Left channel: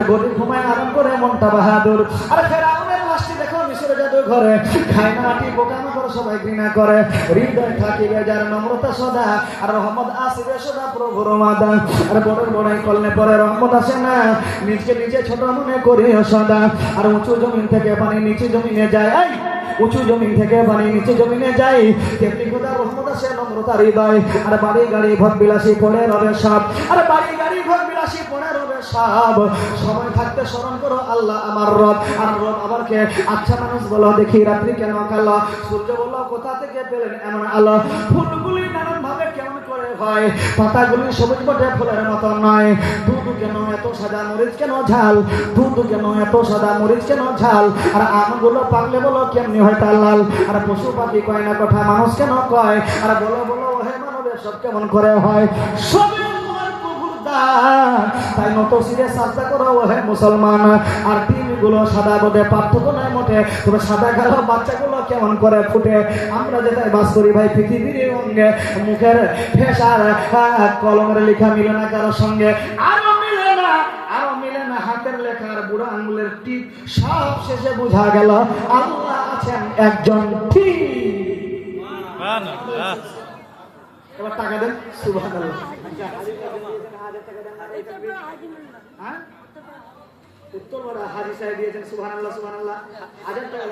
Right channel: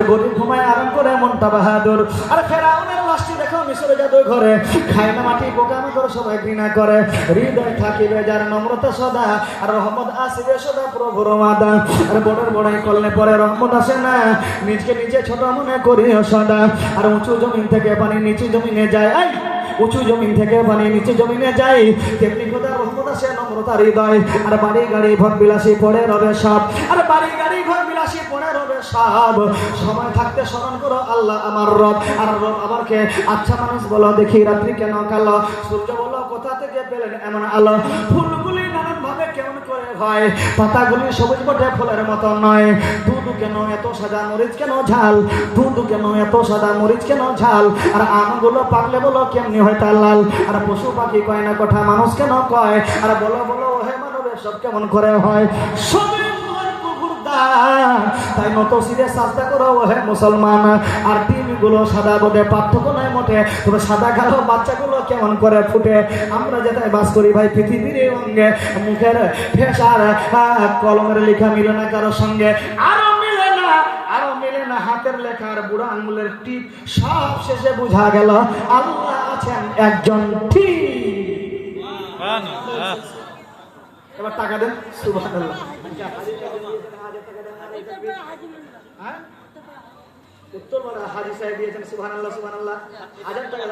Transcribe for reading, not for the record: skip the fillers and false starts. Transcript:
গরিব ঘুমায় আরাম করে মনটা বাহাদুর। আর ফেরাউনের লাশটি দেখো মিশরে জাদু ঘরে, খায় না মাটি বোকানো করে সবাই ঘৃণা করে। হৃদয় থাকিবে যার নম্রতা সদা, আর রহমত আসিবে সদা প্রভুর মাদা। আর বড় বড়াই করলে পরে রহমত আসে না, নিজকে নিজে ছোট মনে করিও সদা। আর উঁচু জমিন থেকে পানি নিচু জমিনে যায়, উঁচু জমিন থেকে পানি নিচু জমিনে যায়, তেমনি খোদার রহমত আসে নম্রতার হৃদয়। আর বাড়ি গাড়ি ভোগ বিলাসী পড়ে রবে সব, আর বাড়ি গাড়ি ভোগ বিলাসী পড়ে রবে সব। সময় থাকতে স্মরণ করো আল্লাহ আমার রব। আর রব আমাকে আচ্ছা মানুষ বলো দেখি রাত্রি কেন কালো, সূর্য বলো কোথা থেকে পেলেন এমন আলো। ফুলগুলি নানান ভাবে কেমন করে হয়, পাতাগুলি সবুজ বটে ফুলের মতো নয়। দুধ কেন এত সাদা মরিচ কেন ঝাল, দুধ কেন এত সাদা মরিচ কেন ঝাল। আর আমগুলো পাকলে বলো কেমনি হয় তার লাল। আর পশু পাখি কয় না কথা মানুষ কেন কয়, আর বলো বলো হে মানবের সব কেমন করে হয়। সবে তাই মতো সিরে সাজদা করো হে মুসলমান। আর দিনগুলো সাদা বটে পার্থক্য নয় মোটে, তবে সাদা কালো বাচ্চাগুলো কেমন করে ফুটে। আমরা যেটাই বাস করি ভাই পৃথিবীর রঙে, মুখের ফেসার কলমের লেখা মিলে না কারো সঙ্গে, আরো মিলে না হাতের লেখা আর বুড়া আঙ্গুলের টিপ। সব শেষে বুঝা গেল আল্লাহ আছেন একজন ঠিক। এবার টাকা দেন সুবহানাল্লাহ। উত্তর হাজি সাহেব দিয়েছেন সুবহানাল্লাহ সুবহানাল্লাহ। 1000 টাকা